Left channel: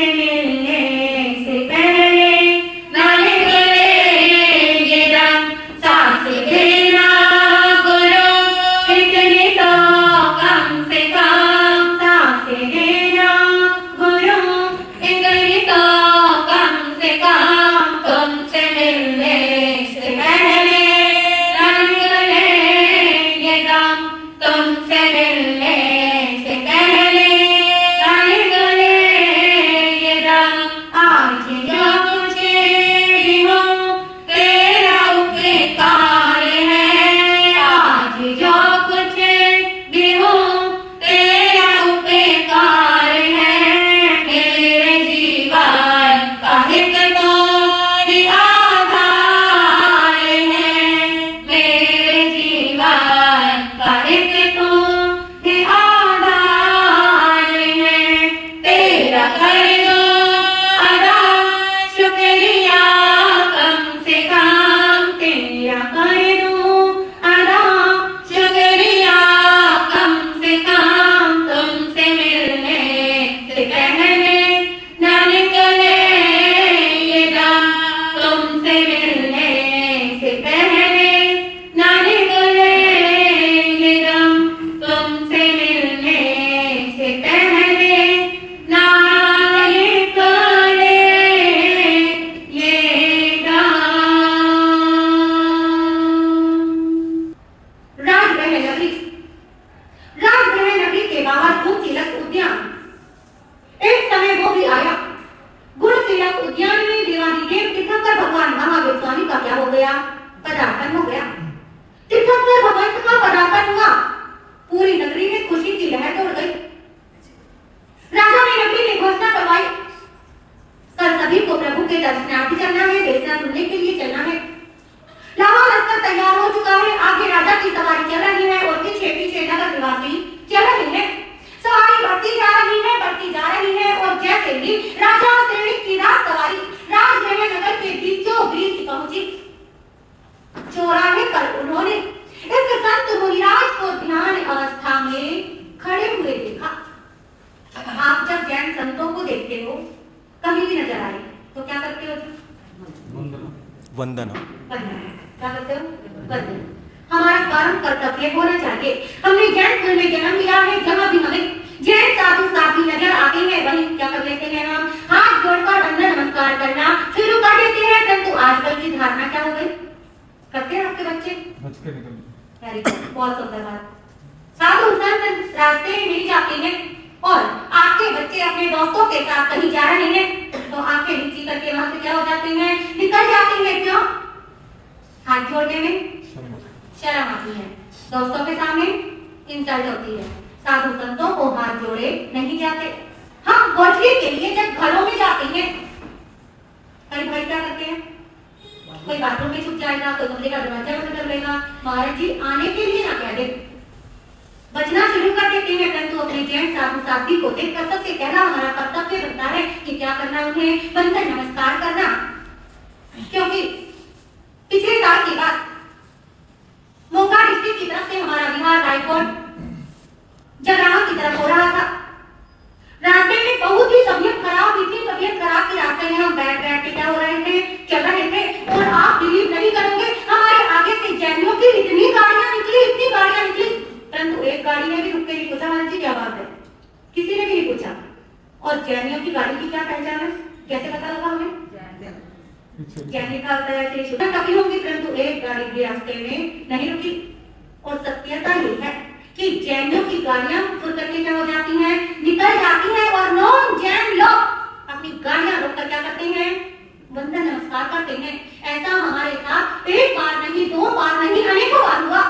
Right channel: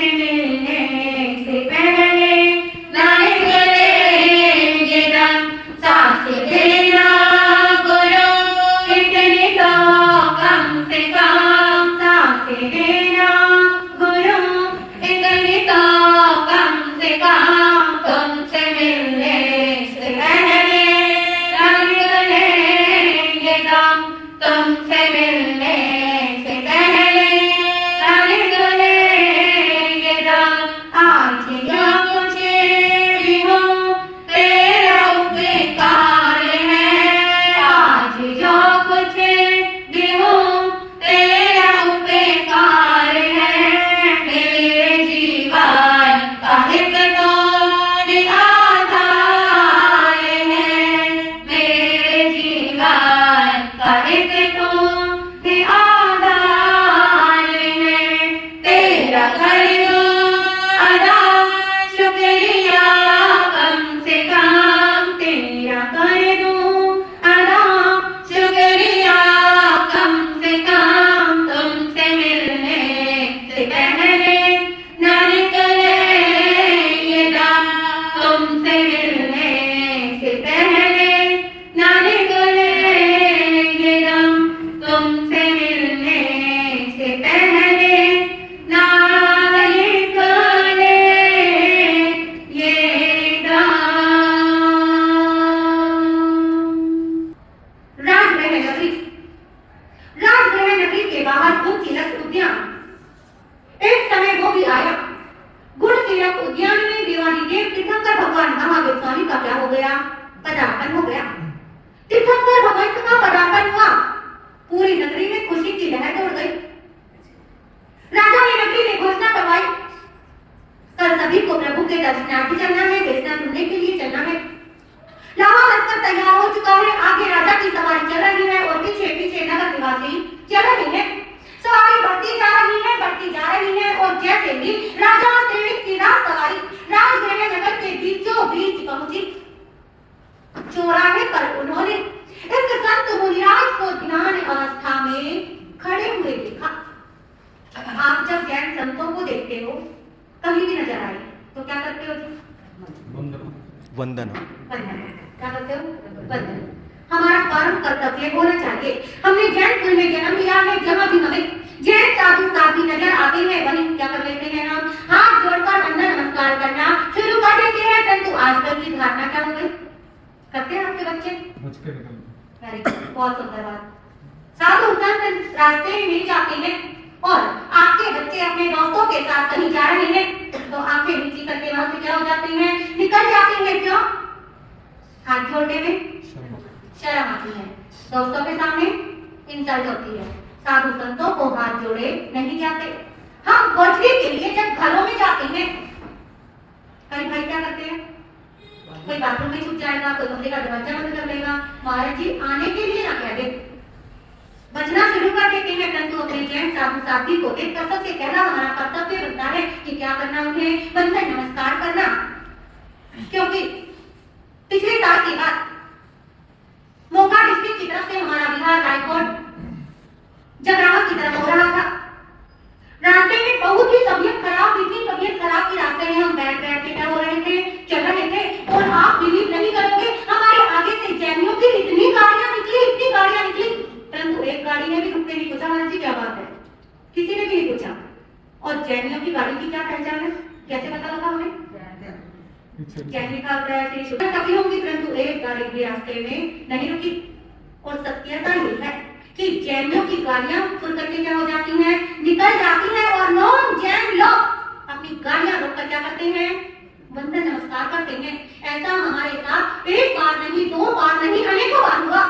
तुमसे मिलने से पहले नारे गले दम सांस लेना गुरु इतने तो कम से कम सांस लेना गुरु इतने तो कम से कम तुमसे मिलने से पहले नारे गले दम तुमसे मिलने से पहले नारे गले दम आज जो कुछ भी हो तेरा उपकार है आज जो कुछ भी हो तेरा उपकार है मेरे जीवन का हित तो ही आधार है मेरे जीवन का हित तो ही आधार है तेरा कर दो अदा शुक्रिया कम से कम तेरा कर दो अदा शुक्रिया कम से कम तुमसे मिलने से पहले न निकले ये दम तुमसे मिलने से पहले न निकले ये दम तुमसे मिलने से पहले ना निकले ये दम। राजमहल नगरी के बाहर गुणशीलक उद्यान। एक समय वो भी आया। गुणशीलक उद्यान में देवाधिदेव तीर्थंकर भगवान महावीर स्वामी का क्या हो गया? पदार्पण हो गया। तीर्थंकर भगवंत का पदार्पण हुआ। पूरी नगरी में खुशी की लहर दौड़ गई। राजा ने नगरी में घोषणा करवाई, कल सभी को प्रभु के दर्शनार्थी चलना है, देशना सुनने के लिए चलना है। लावा लश्कर तैयार हो चुका है, आगे राजा की सवारी चल रही है और पीछे पीछे नगर निवासी चल रहे हैं। सवारी बढ़ती जा रही है और जैसे ही राजा श्रेणी की राज सवारी राजमहल नगर के बीचों बीच पहुंची, चौराहे पर उन्होंने एक संत मुनिराज को ध्यान अवस्था में खड़े हुए देखा। आप जब जैन संतों को देखते हो, कहीं भी नजर आए तो क्या करते हो? वंदना। क्या करते हो? वंदना। हमारा परम कर्तव्य होना चाहिए। हमने जैन कुल में जन्म लिया है, जहाँ भी हमें जैन साधु साथी नजर आते हैं वहीं क्या कर लेते हैं? हम हाथ जोड़कर वंदना नमस्कार करना शुरू कर देते हैं। परंतु आजकल की धारणा क्या हो गई? करते हैं आपके बच्चे? बहुत सुंदर बात। साधु संत रास्ते में मिल जाते हैं और आपके बच्चे अपने दोस्तों के साथ कहीं जा रहे हैं तो आंखें नीची करके वहां से क्या हो जाते हैं? निकल जाते हैं। क्यों? हाथ जोड़ने में शर्म आती है, दोस्तों के सामने इंसल्ट होती है। साधु संतों को हाथ जोड़े नहीं जाते। हम बचने के लिए जब घरों में जाते हैं, कई भाई क्या करते हैं? कोई बाथरूम में छुप जाएगा, कोई कमरे का दरवाजा बंद कर लेगा, महाराज जी आने के लिए ना कह दे, बचना शुरू कर देते हैं। परंतु अपने जैन साधु साथी को देख कर सबसे कहना हमारा कर्तव्य बनता है कि क्या करना, उन्हें वंदन नमस्कार करना। क्योंकि पिछले साल की बात मोगा डिस्ट्रिक्ट की तरफ से हमारा बिहार हाईकोर्ट जगरावा की तरफ हो रहा था। रास्ते में बहुत ही तबीयत खराब हुई थी। तबीयत खराब की रास्ते में हम बैठ के क्या हो रहे थे? चल रहे थे। और आप बिलीव नहीं करोगे, हमारे आगे से जैनियों की इतनी गाड़ियां निकली, परंतु एक गाड़ी ने भी रुक के नहीं पूछा महाराज जी क्या बात है, किसी ने भी नहीं पूछा। और जैनियों की गाड़ी की क्या पहचान है? कैसे पता लगा हमें? जैन लिखा होता है ऐसे शुरू तभी होंगी, परंतु एक गाड़ी भी रास्ते में नहीं रुकी। और सत्यता ये है कि जैनियों की गाड़ियां फुल करके क्या हो जाती हैं? निकल जाती हैं और नॉन जैन लोग अपनी गाड़ियां रोक कर क्या करते हैं? वंदन नमस्कार करते हैं। ऐसा हमारे साथ एक बार नहीं, दो बार नहीं, अनेकों बार हुआ।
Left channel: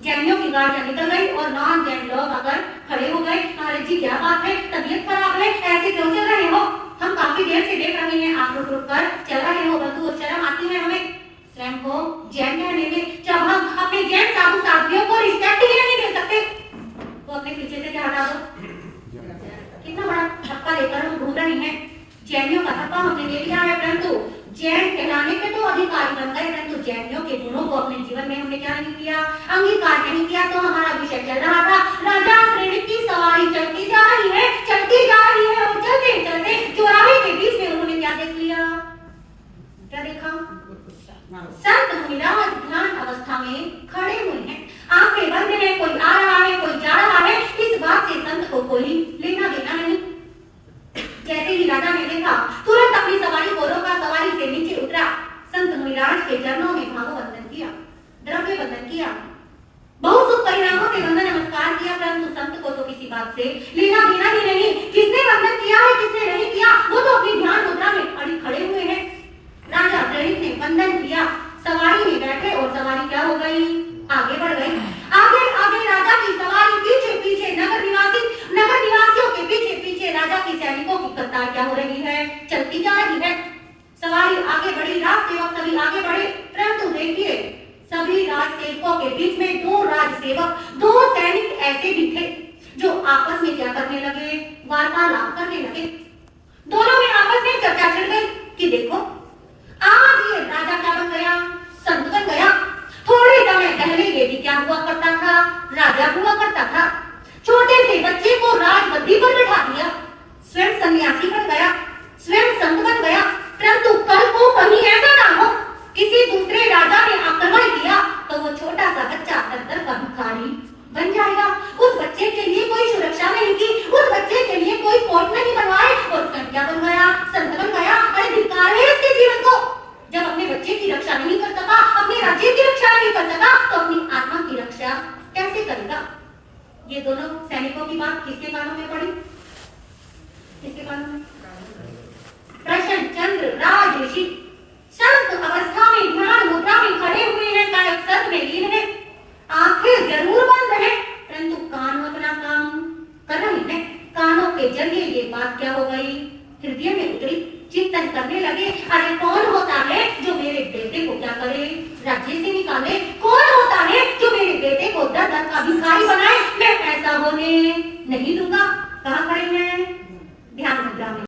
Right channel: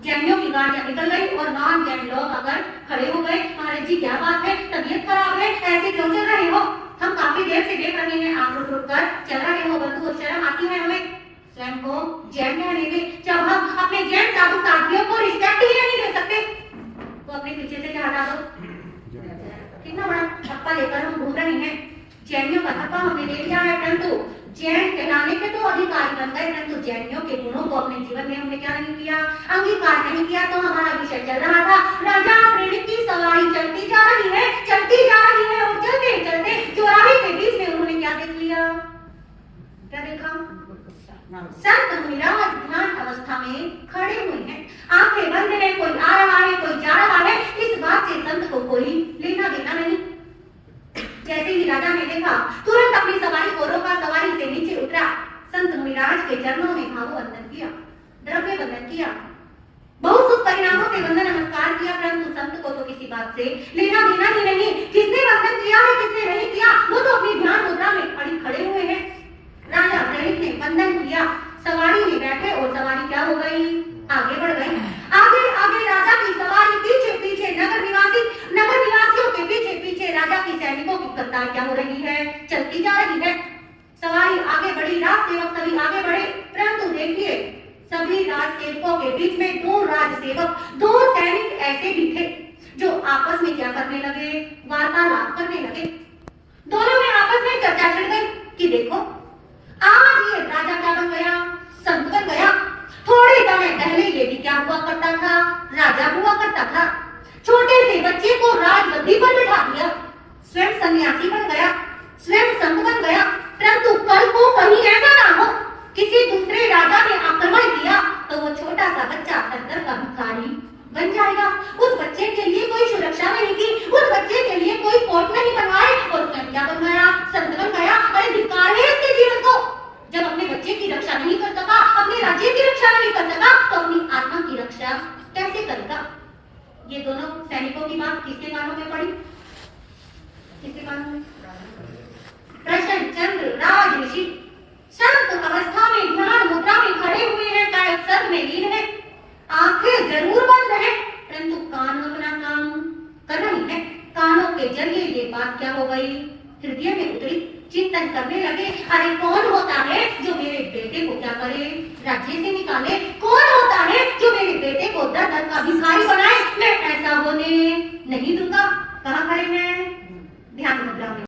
जैनियों की गाड़ियां निकल गई और नॉन जैन लोग अगर खड़े हो गए, महाराज जी क्या बात है, तबीयत खराब है, ऐसे क्यों चल रहे हो? हम काफी देर से देख रहे हैं, आप रुक कर चल रहे हो, परंतु शर्म आती है हमें स्वयं को जैन कहने में। जब हम अपने जैन साधु साथियों को रिस्पेक्ट ही नहीं दे सकते तो अपने पीछे से क्या हटा दो? कितना बड़ा धक्का लेकर हम घूम रहे हैं। जैनियों का धक्का हमने ले लिया है, परंतु जैन कहलाने के तो अधिकारी बन गए, परंतु जैनियों के गुणों को अपने जीवन में हमने क्या नहीं किया? अंगीकार नहीं किया। तो हमारा विषय चल रहा था, राजा श्रेणी की सवारी चलती जा रही है और चलते चलते चौराहे ही राजा ने देखा, तुरंत अपनी सवारी को रोका, सवारी से नीचे उतरा, संत मुनिराज के चरणों में भाववंदन किया, द्रव्य वंदन किया, बहुत सुख परिणामों से वंदन नमस्कार किया, परंतु संत को तो किसी बात से लेना देना ही नहीं। किसने वंदन किया है, किसने नहीं किया, वो तो अपनी ध्यान मुद्रा में अड़ी खड़े हुए हैं। राजा प्रणित ने वंदन किया, सवारी में बैठे और सवारी क्या हो गई, आगे बढ़ गई। आगे आगे राजा की सवारी, पीछे पीछे नगर निवासियों के पीछे पीछे राजा के सैनिकों की कतार क्या हो रही है, चलती जा रही है। सवारी आगे बढ़ी, राज सेवक सभी आगे बढ़े, परंतु देखिए सभी राज सेवकों के बीच में दो राज सेवक, दो सैनिक ऐसे भी थे जो आपस में क्या करने लगे, वार्तालाप करने लगे। दोनों में आपस में चर्चा छिड़ गई कि देखो आज ये राजा क्या बन गया, संत बन गया। थोड़े समय पहले ये भी क्या हुआ करता था, राजा हुआ करता था। छोटे से बच्चे को राजगद्दी पर बिठा दिया, स्वयं सन्यासी बन गया, स्वयं संत बन गया, परंतु कल को कहीं ऐसा ना हो किसी दूसरे राजा ने आक्रमण किया तो वो छोटा सा बच्चा दर का भिखारी बन जाएगा। उस बच्चे के लिए कोई सुरक्षा नहीं की, उस बच्चे के लिए कोई कोर्ट नहीं बनवाए और स्वयं क्या बन गया, संत बन गया। अरे धिक्कार है उसके जीवन को, जब अपने बच्चे की रक्षा नहीं कर सका, अपने राज्य की रक्षा नहीं कर सका, तो अपनी आत्मा की रक्षा कैसे करेगा। ये दोनों सैनिकों की बात किसके कानों में पड़ी, किसके कानों में, प्रसन्नचंद्र राज ऋषि संत अवस्था में ध्यान मुद्रा में खड़े हुए हैं, कायक सद में लीन है, आंखें जरूर बंद है, परंतु कान अपना काम कर रही है। कानों के जरिए ये बात क्या हो गई, हृदय में उतरी, चिंतन करने लगे। अरे कौन होता है जो मेरे बेटे को क्या करे, राज्य से निकाले, कौन होता है जो मेरे बेटे को दर दर का भिखारी बनाए, मैं ऐसा होने नहीं दूंगा। कहाँ खड़े हैं, ध्यान मुद्रा में।